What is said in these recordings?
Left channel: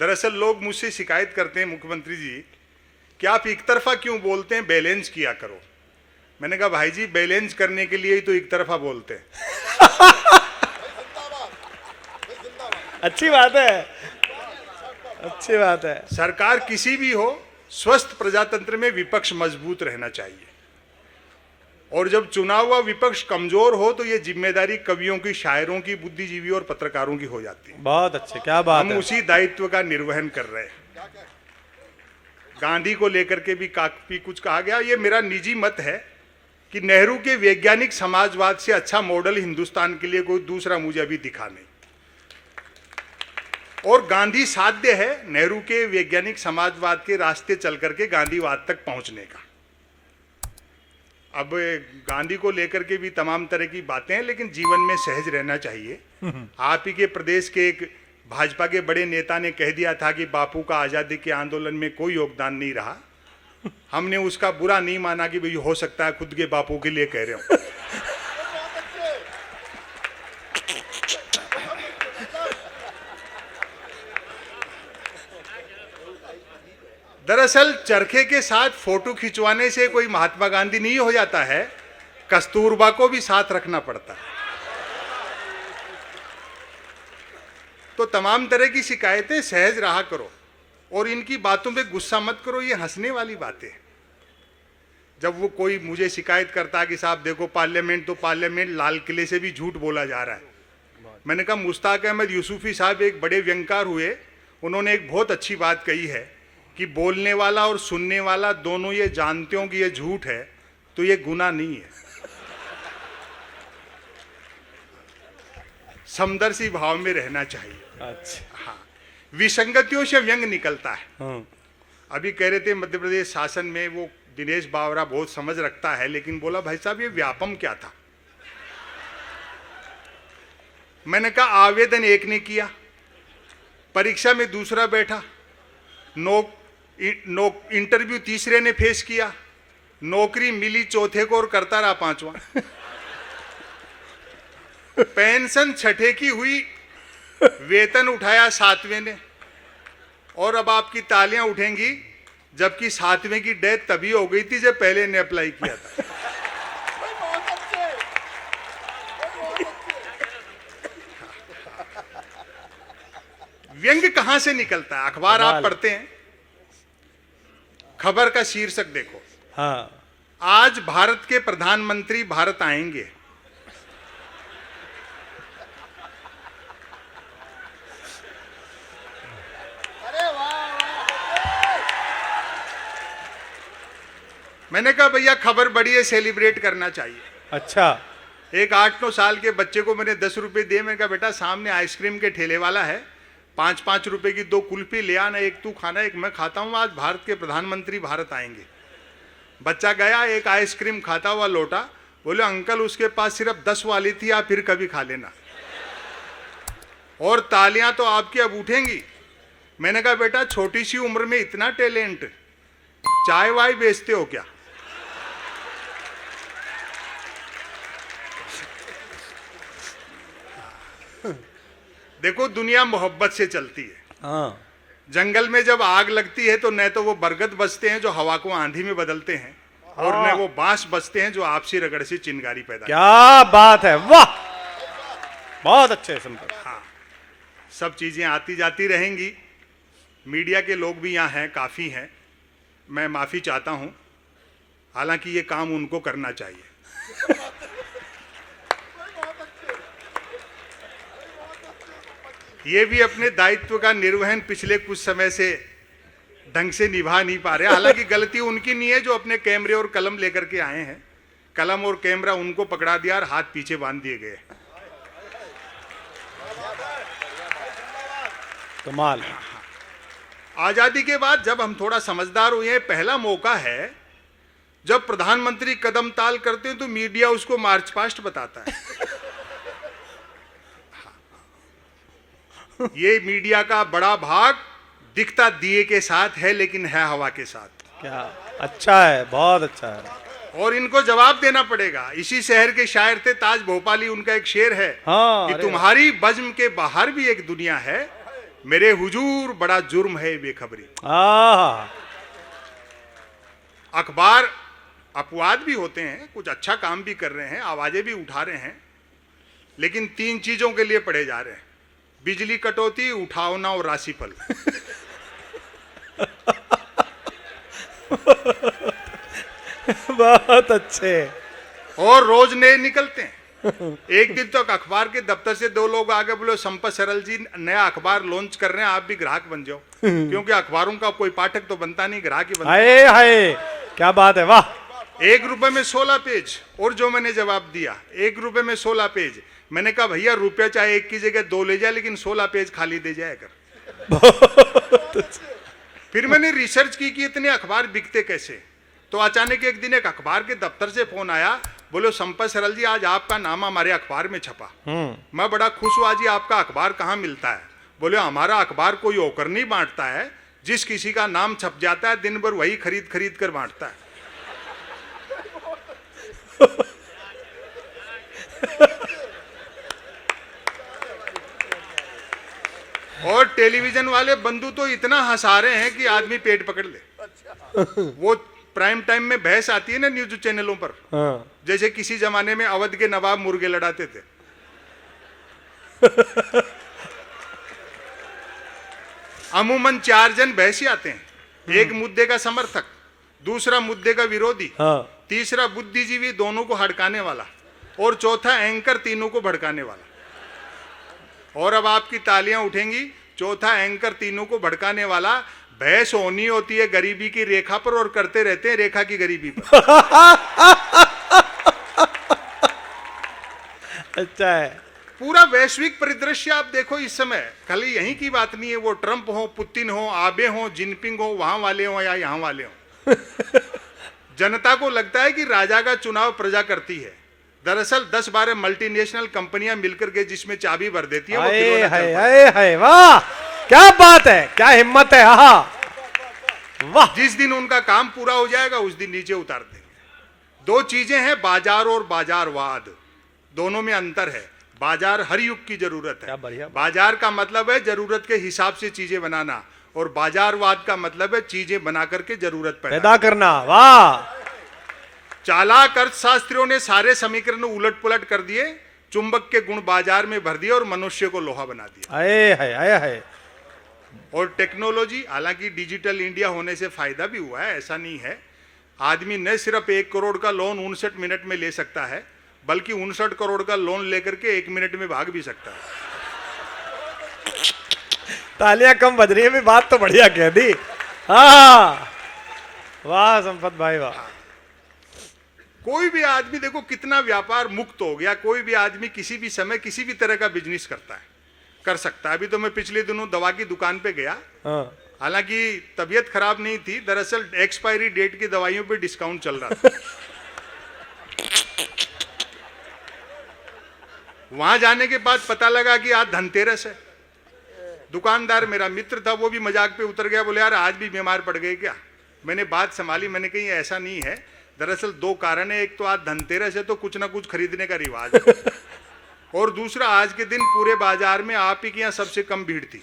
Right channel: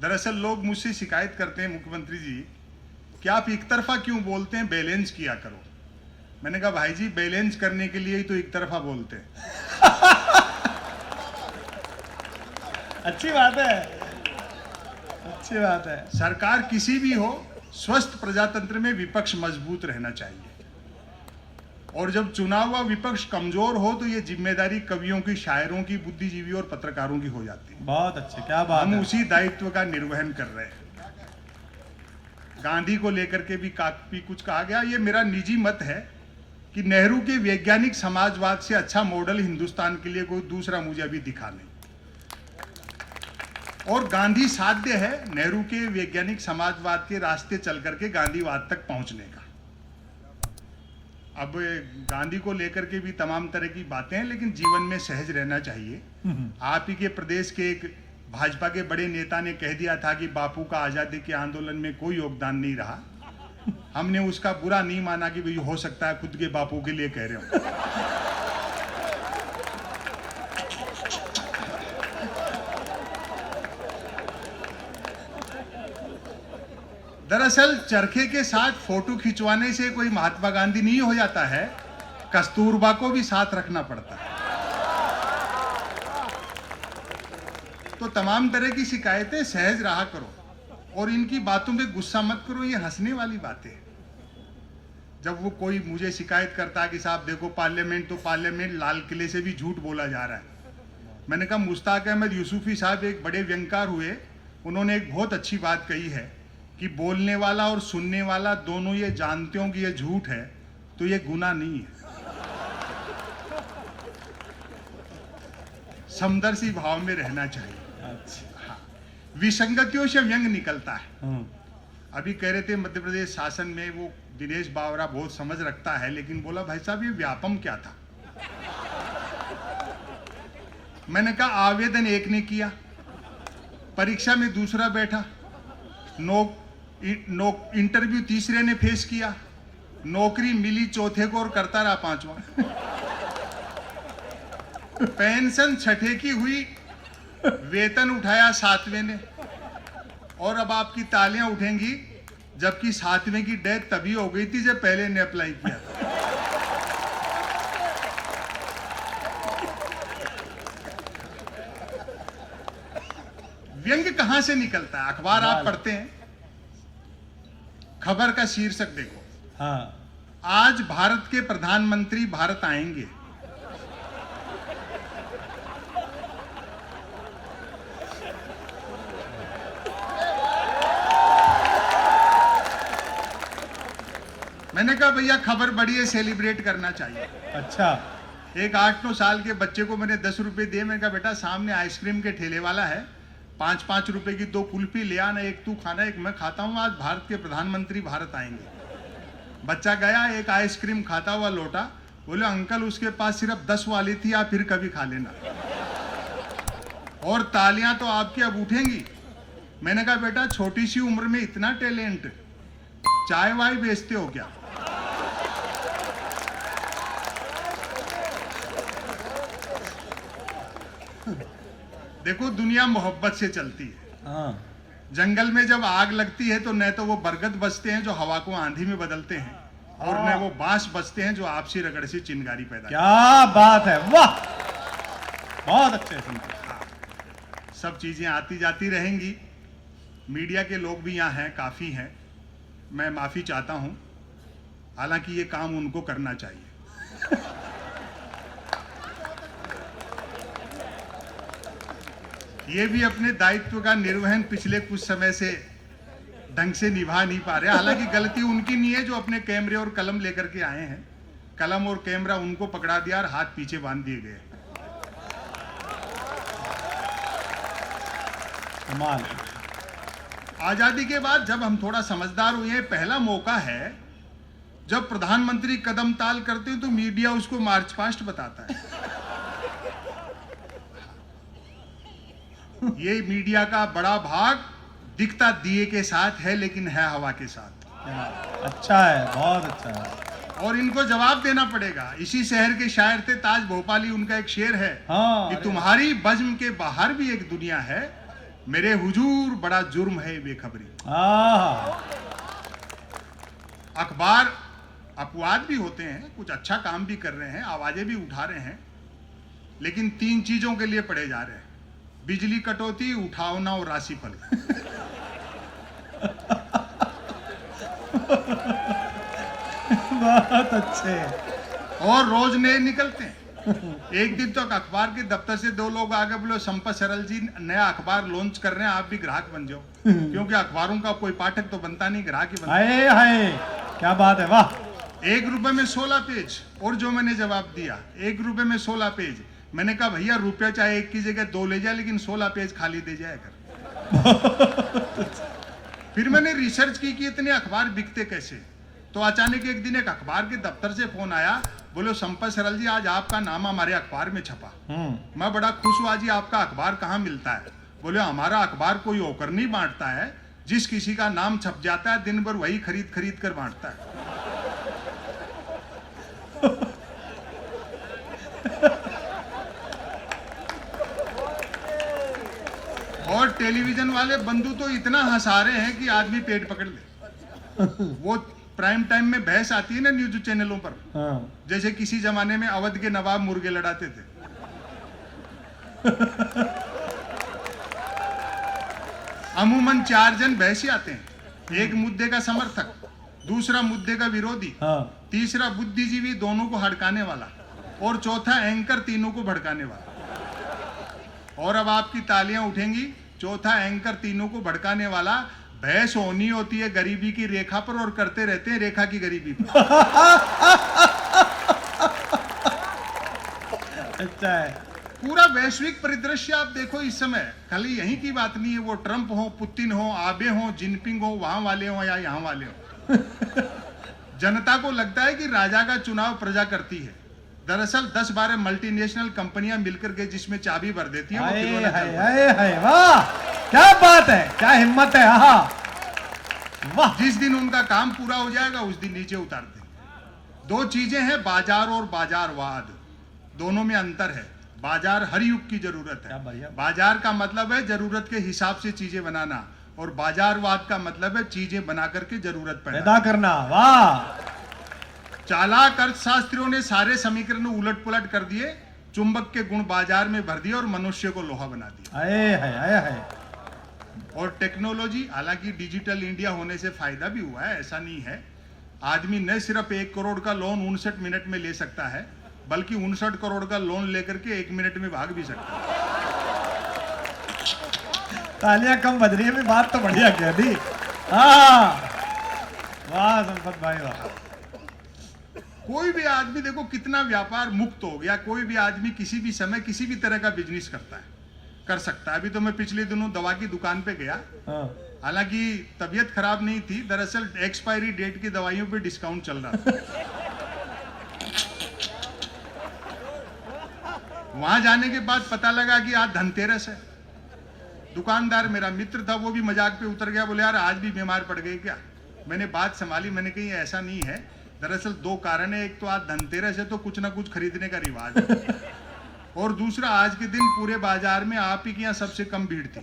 दरअसल लोग मुझसे शिकायत करते हैं मुख्यमंत्री जी कि आप एक तरफा क्यों बोलते हैं, बैलेंस किया करो। मैंने कहा भाई जी, बैलेंस करने के लिए ही तो एक तरफा बोलते हैं। अच्छी बात है, अच्छी बात है। सरकार किसी भी हो, स्वस्थ प्रजातंत्र में विपक्ष मजबूत रहना चाहिए, और जब चुना हुआ विपक्ष कमजोर हो तो ये जिम्मेदारी कवियों की, शायरों की, बुद्धिजीवी और पत्रकारों की हो जाती है। बहुत अच्छे, क्या बात है। हम उसी दायित्व का निर्वहन कर रहे हैं। गांधी को लेकर के भी काफी कुछ कहा गया। ये मेरा निजी मत है कि नेहरू के वैज्ञानिक समाजवाद से अच्छा मॉडल हिंदुस्तान के लिए कोई दूसरा मुझे अभी दिखा नहीं, और गांधी साध्य है नेहरू के वैज्ञानिक समाजवाद के रास्ते चल करके गांधीवाद तक पहुंचने का। अब गांधी को लेकर के भी तमाम तरह की बातें हैं, लेकिन जीवन में सहज रहना चाहिए। आप ही के प्रदेश के एक भाजपा के बड़े नेता ने कह दिया था कि बापू का आजादी के आंदोलन में कोई योगदान नहीं रहा। हमने उसका बुरा नहीं माना कि भाई हो सकता है खुद के बापू के लिए कह रहे हो। दरअसल चरखे के साथ फोटो खिंचवाने से कोई महात्मा गांधी नहीं हो जाता है, कस्तूरबा को भी साथ रखना पड़ता है। तो तमाम तरह की शिकायतें सहज रहा करो, और इनकी बातों पे गुस्सा मत करो। ये हंसने वाली बातें। जब वो कोई मुझे शिकायत करता है कि साहब देखो पार्लियामेंट, तो पार्लियामेंट लाल किले से भी झूठ बोला जा रहा है। मैंने कहा मुश्ताक अहमद यूसुफी साहब एक बड़े व्यंगकार हुए, उन्होंने एक बहुत अच्छी बात कही है कि बोलने वाला और सुनने वाला दोनों ये जानते हो कि ये झूठ है, तो ये गुनाह नहीं है। समदर्शी भाव में रहना चाहिए। अच्छा, हाँ, विसंगतियों से व्यंग निकलता है। अभी कह रहे थे मध्य प्रदेश शासन में वो दिनेश बावरा बहुत समझ रखता है, लेकिन बोला भाई साहब ये व्यापम क्या था। मैंने कहा आवेदन एक ने किया, परीक्षा में दूसरा बैठा, इंटरव्यू तीसरे ने फेस किया, नौकरी मिली चौथे को और करता रहा पांचवा। पेंशन छठे की हुई, वेतन उठाया सातवें ने, और अब आपकी तालियां उठेंगी जबकि सातवें की डेथ तभी हो गई थी जब पहले ने अप्लाई किया था। व्यंग कहां से निकलता है? अखबार आप पढ़ते हैं, खबर का शीर्षक देखो, हाँ, आज भारत के प्रधानमंत्री भारत आएंगे। मैंने कहा भैया खबर बड़ी है, सेलिब्रेट करना चाहिए। अच्छा, एक 8-9 साल के बच्चे को मैंने 10 रुपए दिए। मैंने कहा बेटा सामने आइसक्रीम के ठेले वाला है, 5-5 रुपए की 2 कुल्फी ले आना, एक तू खाना एक मैं खाता हूँ, आज भारत के प्रधानमंत्री भारत आएंगे। बच्चा गया, एक आइसक्रीम खाता हुआ लौटा, बोले अंकल उसके पास सिर्फ 10 वाली थी, आप फिर कभी खा लेना। और तालियां तो आपकी अब उठेंगी। मैंने कहा बेटा छोटी सी उम्र में इतना टैलेंट, चाय वाय बेचते हो क्या? देखो दुनिया मोहब्बत से चलती है। हाँ, जंगल में जब आग लगती है तो न तो वो बरगद बचते हैं जो हवा को आंधी में बदलते हैं, और न वो बांस बचते हैं जो आपसी रगड़ से चिंगारी पैदा। क्या बात है, वाह, बहुत अच्छे सुनते। हाँ, सब चीजें आती जाती रहेंगी। मीडिया के लोग भी यहाँ हैं, काफी हैं, मैं माफी चाहता हूँ, हालांकि ये काम उनको करना चाहिए। ये भी अपने दायित्व का निर्वहन पिछले कुछ समय से ढंग से निभा नहीं पा रहे। हालांकि गलती उनकी नहीं है जो अपने कैमरे और कलम लेकर के आए हैं, कलम और कैमरा उनको पकड़ा दिया और हाथ पीछे बांध दिए गए। कमाल। आजादी के बाद जब हम थोड़ा समझदार हुए हैं, पहला मौका है जब प्रधानमंत्री कदम ताल करते हैं तो मीडिया उसको मार्च पास्ट बताता है। ये मीडिया का बड़ा भाग दिखता दिए के साथ है, लेकिन है हवा के साथ। क्या अच्छा है, बहुत अच्छा है। और इनको जवाब देना पड़ेगा। इसी शहर के शायर थे ताज भोपाली, उनका एक शेर है हाँ, कि तुम्हारी बज़्म के बाहर भी एक दुनिया है मेरे हुजूर बड़ा जुर्म है बेखबरी। अखबार अपवाद भी होते हैं, कुछ अच्छा काम भी कर रहे हैं, आवाजें भी उठा रहे हैं, लेकिन 3 चीजों के लिए पढ़े जा रहे हैं: बिजली कटौती, उठावना और राशिफल। बहुत अच्छे। और रोज नए निकलते हैं। एक दिन तो अखबार के दफ्तर से 2 लोग आगे बोले, संपत सरल जी नया अखबार लॉन्च कर रहे हैं, आप भी ग्राहक बन जाओ। क्योंकि अखबारों का कोई पाठक तो बनता नहीं, ग्राहक ही बनता। हाय हाय, क्या बात है, वाह। 1 रुपए में 16 पेज। और जो मैंने जवाब दिया, 1 रुपए में 16 पेज। मैंने कहा भैया रुपया चाहे 1 की जगह 2 ले जाए, लेकिन 16 पेज खाली दे जाएगा। फिर मैंने रिसर्च की कि इतने अखबार बिकते कैसे। तो अचानक एक दिन एक अखबार के दफ्तर से फोन आया, बोलो संपत सरल जी आज आपका नाम हमारे अखबार में छपा। मैं बड़ा खुश हुआ, जी आपका अखबार कहाँ मिलता है? बोले हमारा अखबार कोई होकर नहीं बांटता है, जिस किसी का नाम छप जाता है दिन भर वही खरीद खरीद कर बांटता है। और टेलीविजन वाले बंधु तो इतना हंसा रहे हैं कि आदमी पेट पकड़ ले। वो प्राइम टाइम में बहस आती है ना न्यूज चैनलों पर, जैसे किसी जमाने में अवध के नवाब मुर्गे लड़ाते थे। अमूमन 4 जन बहसी आते हैं, एक मुद्दे का समर्थक, दूसरा मुद्दे का विरोधी, तीसरा बुद्धिजीवी दोनों को हड़काने वाला, और चौथा एंकर तीनों को भड़काने वाला। और अब आपकी तालियां उठेंगी, चौथा एंकर तीनों को भड़काने वाला बहस होनी होती है गरीबी की रेखा पर, और करते रहते हैं रेखा की गरीबी पर। अच्छा है। पूरा वैश्विक परिदृश्य आप देखो इस समय, खाली यहीं की बात नहीं है, वो ट्रंप हो, पुतिन हो, आबे हो, जिनपिंग हो, वहां वाले हो या यहाँ वाले हो। जनता को लगता है कि राजा का चुनाव प्रजा करती है। दरअसल 10-12 मल्टीनेशनल कंपनियां मिलकर के जिसमें चाबी भर देती है, हाय वाह, क्या बात है, क्या हिम्मत है। वाह। जिस दिन उनका काम पूरा हो जाएगा उस दिन नीचे उतार देंगे। 2 चीजें हैं, बाजार और बाजारवाद, दोनों में अंतर है। बाजार हर युग की जरूरत है। बाजार का मतलब है जरूरत के हिसाब से चीजें बनाना, और बाजारवाद का मतलब है चीजें बना करके जरूरत पैदा करना। वाह। चालाक अर्थशास्त्रियों ने सारे समीकरण उलट पुलट कर दिए, चुंबक के गुण बाजार में भर दिए और मनुष्य को लोहा बना दिया। और टेक्नोलॉजी, हालांकि डिजिटल इंडिया होने से फायदा भी हुआ है, ऐसा नहीं है। आदमी न सिर्फ 1 करोड़ का लोन 59 मिनट में ले सकता है, बल्कि 59 करोड़ का लोन लेकर के 1 मिनट में भाग भी सकता है। तालियां कम बज रही है, बात तो बढ़िया कह दी। वाह संपत भाई वाह। कोई भी आदमी देखो कितना व्यापार मुक्त हो गया, कोई भी आदमी किसी भी समय किसी भी तरह का बिजनेस कर सकता है। अभी तो मैं पिछले दिनों दवा की दुकान पे गया, हालांकि तबीयत खराब नहीं थी, दरअसल एक्सपायरी डेट की दवाइयों पे डिस्काउंट चल रहा था। वहां जाने के बाद पता लगा कि आज धनतेरस है। दुकानदार मेरा मित्र था, वो भी मजाक पे उतर गया, बोले यार आज भी बीमार पड़ गए क्या? मैंने बात संभाली, मैंने कही ऐसा नहीं है, दरअसल 2 कारण है। एक तो आज धनतेरस है तो कुछ ना कुछ खरीदने का रिवाज है, और दूसरा आज के दिन पूरे बाजार में आप ही के यहाँ सबसे कम भीड़ थी।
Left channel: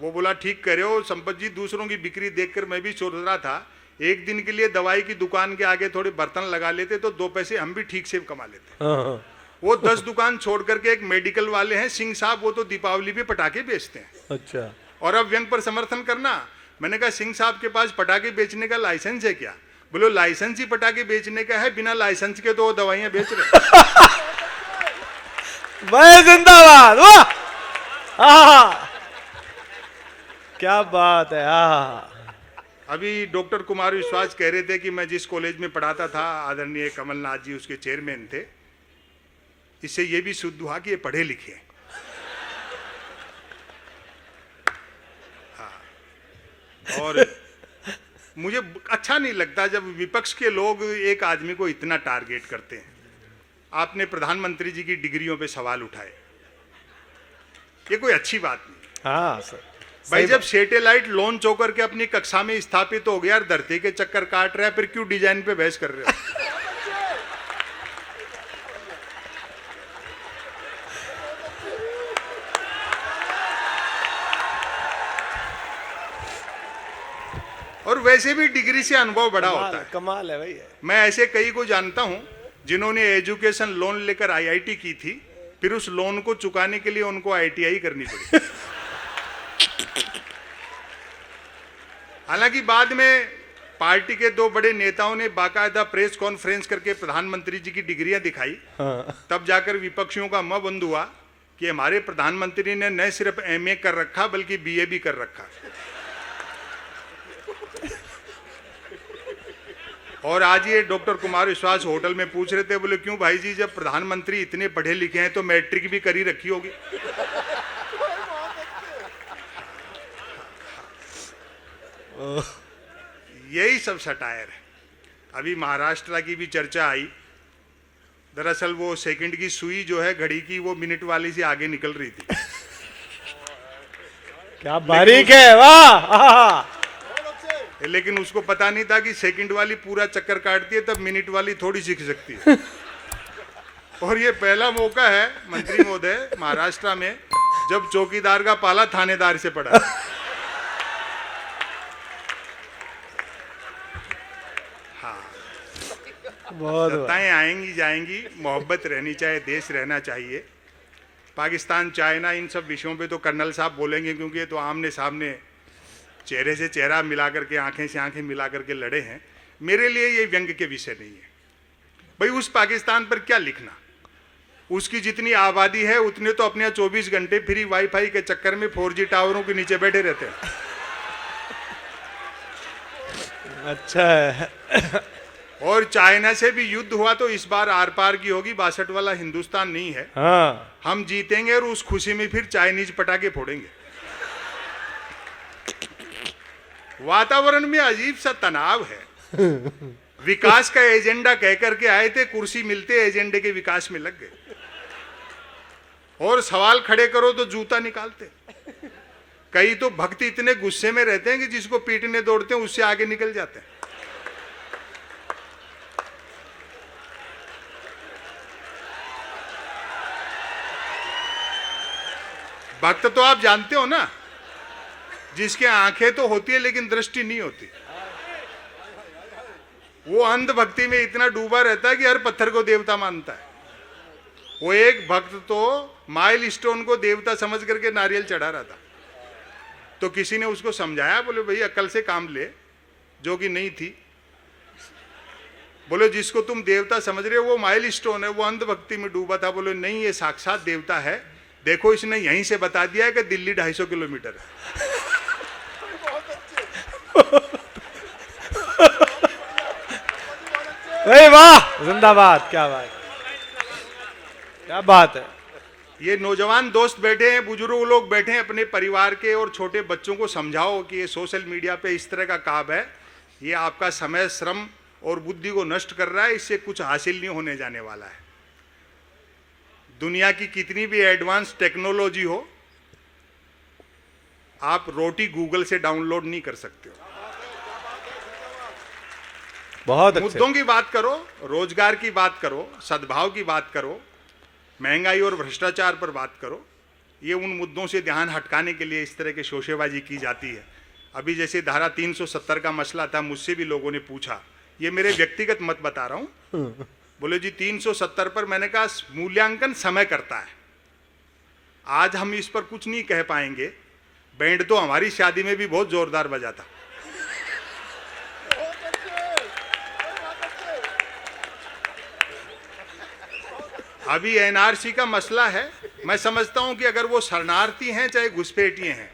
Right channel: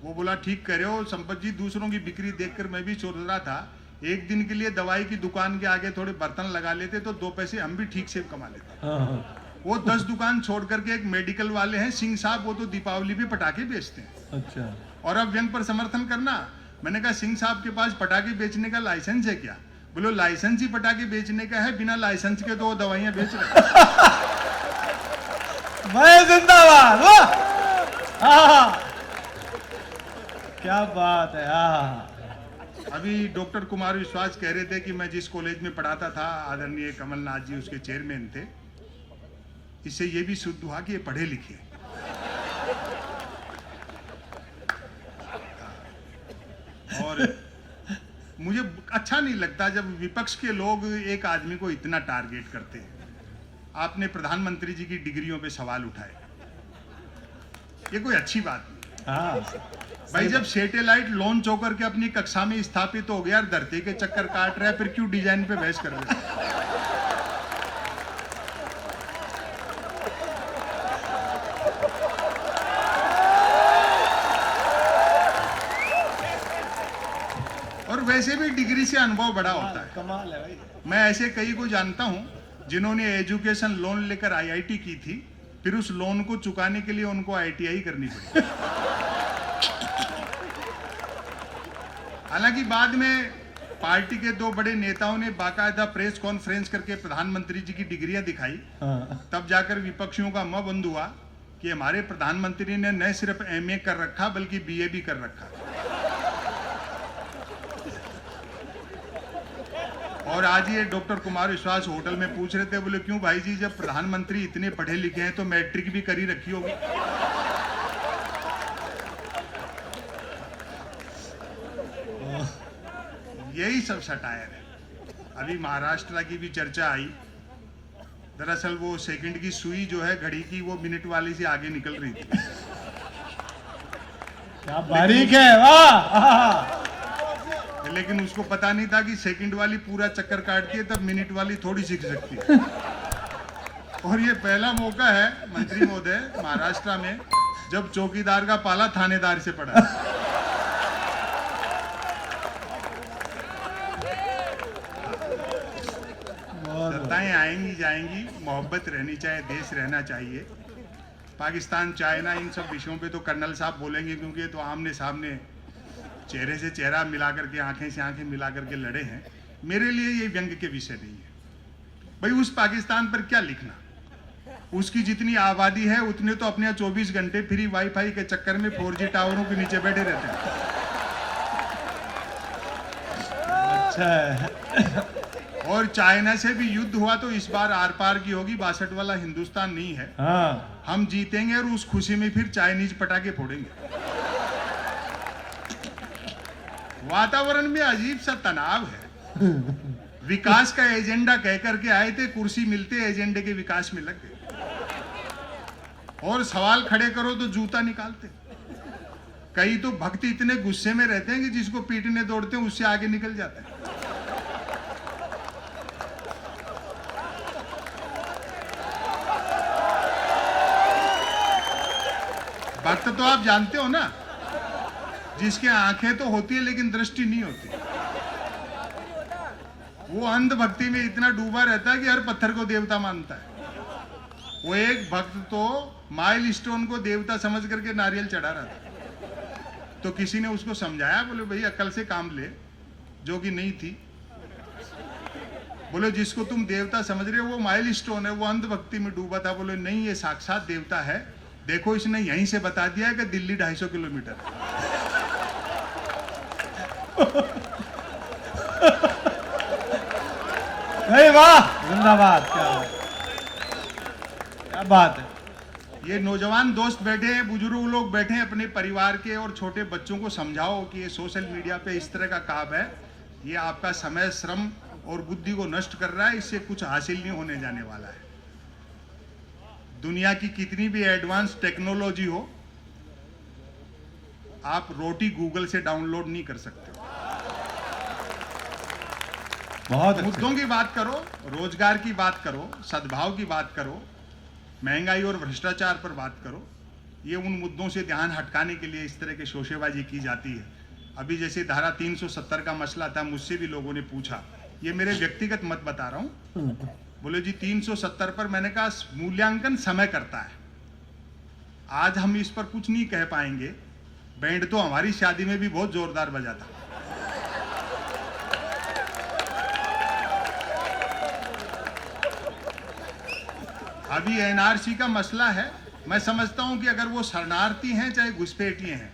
वो बोला ठीक कह रहे हो संपत जी, दूसरों की बिक्री देखकर मैं भी सोच रहा था एक दिन के लिए दवाई की दुकान के आगे थोड़े बर्तन लगा लेते तो 2 पैसे हम भी ठीक से कमा लेते। वो 10 दुकान छोड़ करके एक मेडिकल वाले हैं सिंह साहब, वो तो दीपावली पे पटाखे बेचते हैं। अच्छा। और अब व्यंग पर समर्थन करना, मैंने कहा सिंह साहब के पास पटाखे बेचने का लाइसेंस है क्या? बोलो लाइसेंस ही पटाखे बेचने का है, बिना लाइसेंस के तो दवाइयां बेच रहे। मैं जिंदाबाद। वाह, क्या बात है। अभी डॉक्टर कुमार विश्वास कह रहे थे कि मैं जिस कॉलेज में पढ़ाता था, आदरणीय कमलनाथ जी उसके चेयरमैन थे। इससे ये भी सिद्ध हुआ कि ये पढ़े लिखे। और मुझे अच्छा नहीं लगता जब विपक्ष के लोग एक आदमी को इतना टारगेट करते हैं। आपने प्रधानमंत्री जी की डिग्रियों पे सवाल उठाए, ये कोई अच्छी बात नहीं। भाई जब सैटेलाइट लॉन्च होकर के अपनी कक्षा में स्थापित हो गया, धरती के चक्कर काट रहा है, फिर क्यों डिजाइन पे बहस कर रहे हैं? और वैसे भी डिग्री से अनुभव बड़ा होता है। कमाल है भाई। मैं ऐसे कई को जानता हूं जिन्होंने एजुकेशन लोन लेकर आईआईटी की थी, फिर उस लोन को चुकाने के लिए उनको आईटीआई करनी पड़ी। हालांकि बाद में पार्टी के दो बड़े नेताओं ने बाकायदा प्रेस कॉन्फ्रेंस करके प्रधानमंत्री जी की डिग्रियां दिखाई। तब जाकर विपक्षियों का मुंह बंद हुआ कि हमारे प्रधानमंत्री ने न सिर्फ एमए कर रखा बल्कि बीए भी कर रखा। और आज ये डॉक्टर कुमार विश्वास होटल में पूछ रहे थे, बोले क्यों भाई जी, जब प्रधानमंत्री इतने पढ़े लिखे हैं तो मैट्रिक भी करी रखी होगी। यही सब सटायर है। अभी महाराष्ट्र की भी चर्चा आई। दरअसल वो सेकंड की सुई जो है घड़ी की, वो मिनट वाली से आगे निकल रही थी। क्या बारीक है, वाह। लेकिन उसको पता नहीं था कि सेकंड वाली पूरा चक्कर काटती है, तब मिनट वाली थोड़ी सीख सकती है। और ये पहला मौका है मंत्री महोदय महाराष्ट्र में जब चौकीदार का पाला थानेदार से पड़ा। सत्ताएं आएंगी जाएंगी, मोहब्बत रहनी चाहिए, देश रहना चाहिए। पाकिस्तान, चाइना, इन सब विषयों पे तो कर्नल साहब बोलेंगे, क्योंकि ये तो आमने सामने चेहरे से चेहरा मिला करके, आंखें से आंखें मिला करके लड़े हैं। मेरे लिए ये व्यंग के विषय नहीं है भाई। उस पाकिस्तान पर क्या लिखना, उसकी जितनी आबादी है उतने तो अपने 24 घंटे फ्री वाईफाई के चक्कर में 4G टावरों के नीचे बैठे रहते हैं। अच्छा है। और चाइना से भी युद्ध हुआ तो इस बार आर पार की होगी, 62 वाला हिंदुस्तान नहीं है। हाँ। हम जीतेंगे और उस खुशी में फिर चाइनीज पटाखे फोड़ेंगे। वातावरण में अजीब सा तनाव है। विकास का एजेंडा कह करके आए थे, कुर्सी मिलते एजेंडे के विकास में लग गए। और सवाल खड़े करो तो जूता निकालते। कई तो भक्त इतने गुस्से में रहते हैं कि जिसको पीटने दौड़ते हैं उससे आगे निकल जाते हैं। भक्त तो आप जानते हो ना, जिसके आंखें तो होती है लेकिन दृष्टि नहीं होती। वो अंध भक्ति में इतना डूबा रहता है कि हर पत्थर को देवता मानता है। वो एक भक्त तो माइल स्टोन को देवता समझ करके नारियल चढ़ा रहा था। तो किसी ने उसको समझाया, बोले भाई अकल से काम ले, जो कि नहीं थी। बोले जिसको तुम देवता समझ रहे हो वो माइल स्टोन है, वो अंध भक्ति में डूबा था। बोले नहीं, ये साक्षात देवता है। देखो इसने यहीं से बता दिया है कि दिल्ली 250 किलोमीटर है। वाह, जिंदाबाद। क्या बात है। ये नौजवान दोस्त बैठे हैं, बुजुर्ग लोग बैठे हैं, अपने परिवार के और छोटे बच्चों को समझाओ कि ये सोशल मीडिया पे इस तरह का काम है, ये आपका समय, श्रम और बुद्धि को नष्ट कर रहा है। इससे कुछ हासिल नहीं होने जाने वाला है। दुनिया की कितनी भी एडवांस टेक्नोलॉजी हो, आप रोटी गूगल से डाउनलोड नहीं कर सकते। बहुत मुद्दों की बात करो, रोजगार की बात करो, सद्भाव की बात करो, महंगाई और भ्रष्टाचार पर बात करो। ये उन मुद्दों से ध्यान हटकाने के लिए इस तरह के शोशेबाजी की जाती है। अभी जैसे धारा 370 का मसला था, मुझसे भी लोगों ने पूछा, ये मेरे व्यक्तिगत मत बता रहा हूं। बोले जी 370 पर मैंने कहा मूल्यांकन समय करता है। आज हम इस पर कुछ नहीं कह पाएंगे। बैंड तो हमारी शादी में भी बहुत जोरदार बजा था। अभी एनआरसी का मसला है। मैं समझता हूं कि अगर वो शरणार्थी हैं चाहे घुसपैठिए हैं,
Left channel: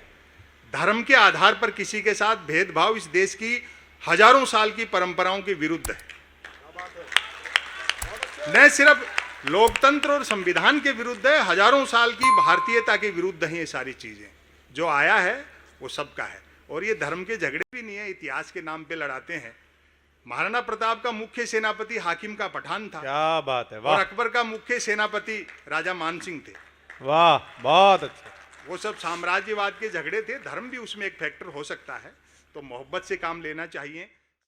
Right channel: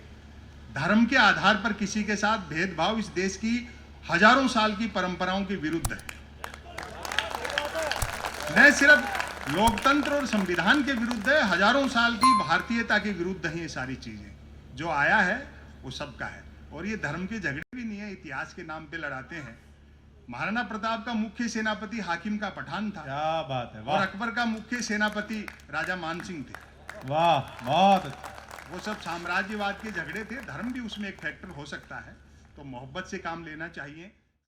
धर्म के आधार पर किसी के साथ भेदभाव इस देश की हजारों साल की परंपराओं के विरुद्ध है। न सिर्फ लोकतंत्र और संविधान के विरुद्ध है, हजारों साल की भारतीयता के विरुद्ध है। ये सारी चीजें जो आया है वो सबका है। और ये धर्म के झगड़े भी नहीं है, इतिहास के नाम पे लड़ाते हैं। महाराणा प्रताप का मुख्य सेनापति हाकिम का पठान था। क्या बात है, वाह। और अकबर का मुख्य सेनापति राजा मानसिंह थे। वाह, बहुत अच्छा। वो सब साम्राज्यवाद के झगड़े थे। धर्म भी उसमें एक फैक्टर हो सकता है। तो मोहब्बत से काम लेना चाहिए।